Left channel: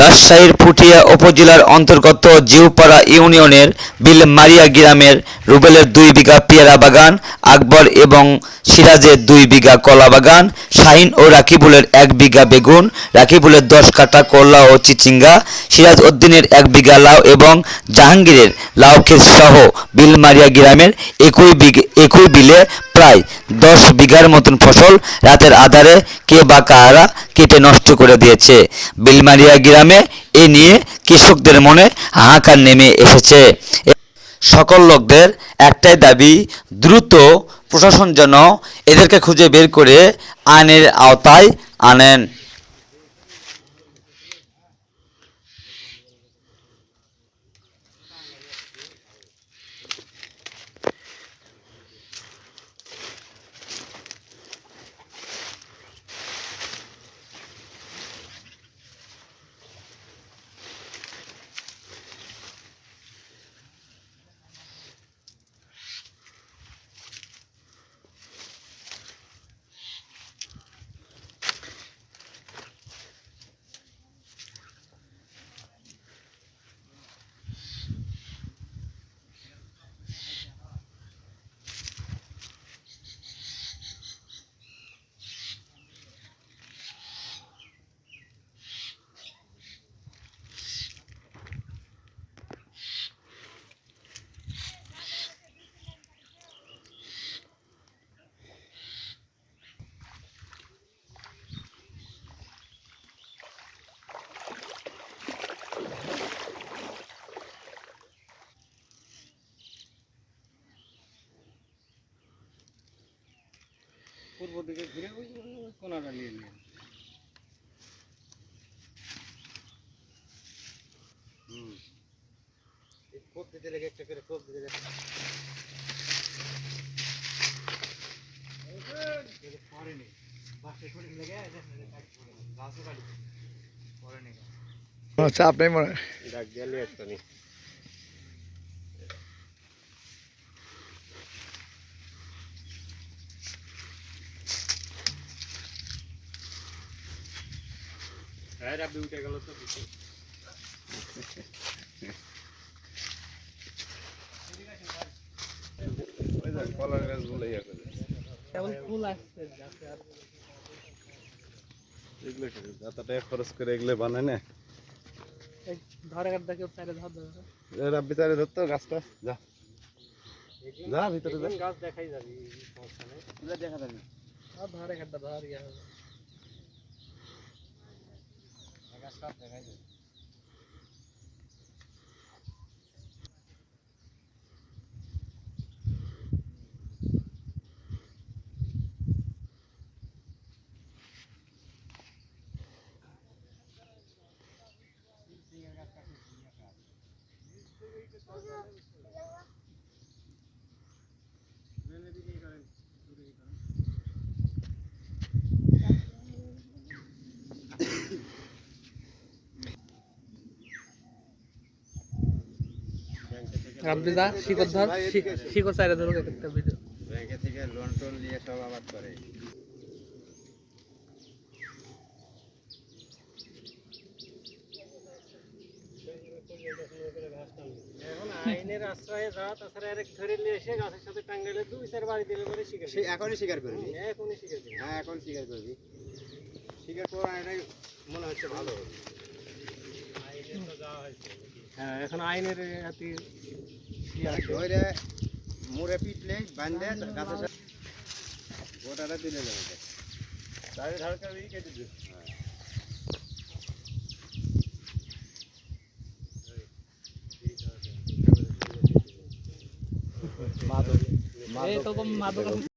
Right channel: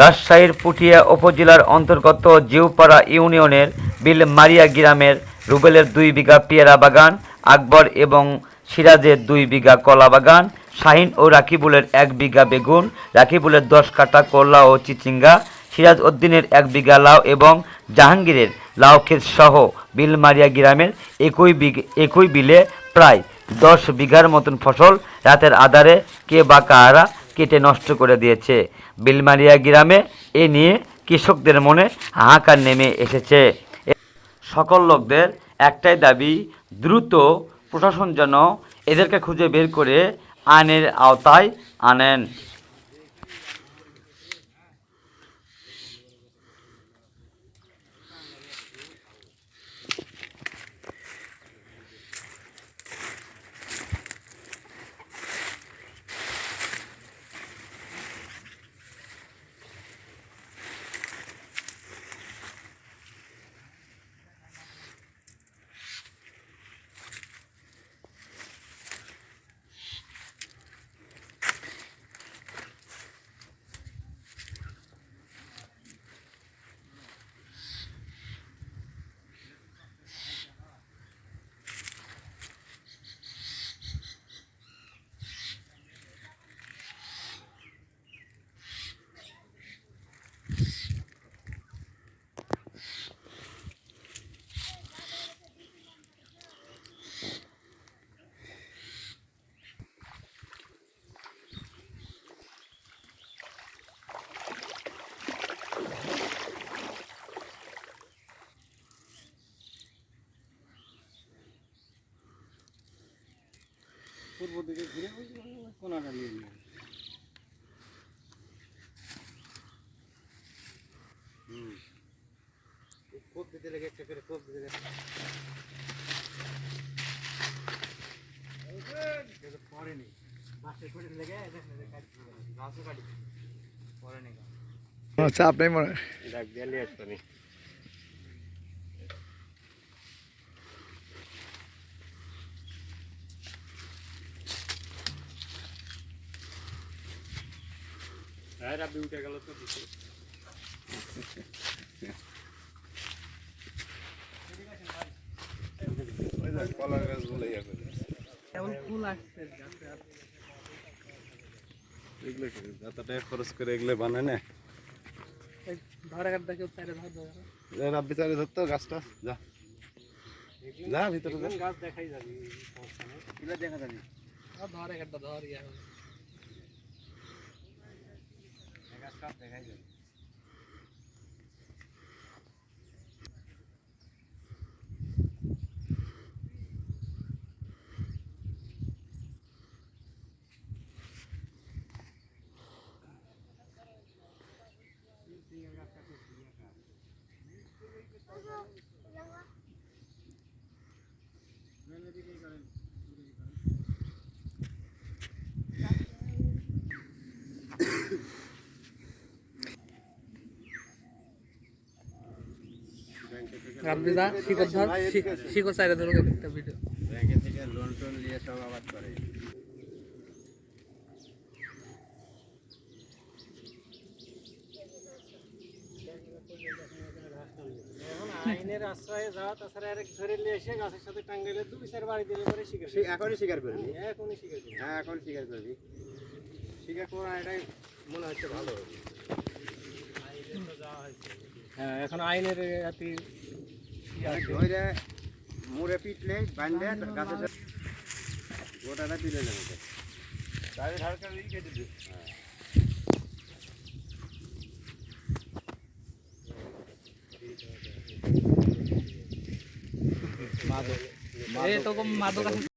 রাজশাহীর পুঠিয়া উপজেলার অন্তর্গত জিউপাড়া ইউনিয়নের বিলমারিয়া গ্রামের রুবেলের 2 বিঘা পেয়ারা বাগান, আকবর এবং সিরাজের 2 বিঘা কলা বাগান, শাহিন ও রাকিবুলের 1 বিঘা বেগুন, রাকিবুলের 10 কাঠা করলা ও চিচিঙ্গা, সিরাজ উদ্দিনের 1 বিঘা লাউ এবং জাহাঙ্গীরের লাউ ক্ষেত সহ বিলমারিয়া গ্রামের একই বিলে প্রায় 10 বিঘার মতন ফসল রাতের আঁধারে কে বা কারা কেটে নষ্ট করে দিয়েছে। বিলমারিয়া গ্রামে এ নিয়ে কৃষকদের মনে হাহাকার নেমে এসেছে। সকল লোকদের একটাই দাবি, দ্রুত প্রশাসন যেন এদেরকে খুঁজে বের করে আইনের আওতায় আনেন। পূর্ব দিকে ঘুরে কোনাটা নিয়ে নিয়ে কোপ দিতে লেগে একটা করে কোপ দিতে লেগে পরেনি বাসে করে লেগে গাছও কাটি পরেনি চাপ নেই মনে ডাক দিয়ে একটা নেই। হ্যাঁ রাব্বি উঠে গেল তো কলার গাছ বলে কেমন ফুল আসছে এগুলো যাতাটা খরচ করে এগুলো বানায় না ধরে কাটতে কেউ চাইলে ধর রাব্বি চাইলে ধরতো গাছটা যা যা ভিতরে যা গাছ দেখাই যাবে এগুলো দেখা যাবে ধরে কাটটা ধর ইয়া হবে গাছ কাট দেখাই যাবে। রাব্বি দা শিকড় ধর শিকড় চাইলে ধরে একটা ভিডিও ব্যাংকে থেকে লোন টোন নিয়ে সব আবাদ করে আইনের আশ্রয়ে যা তাছাড়া আরেক ধরে নিয়ে এসে গাছের সাথে টাঙ্গাইলে 2-4 বাড়ি দিলে পরে শিকার সে এখনই শিকার করবি এখনই শিকার করবি হ্যাঁ এখন শিকার করবি শিকার করা এটাই মনে হচ্ছে ভালো হ্যাঁ এখন আইনের এত ধরে মুড়ে পিটলে বাঁধলে গাছের গোটাটা দিলে যাবে তাই ধারকা কেটে দিবে মাদক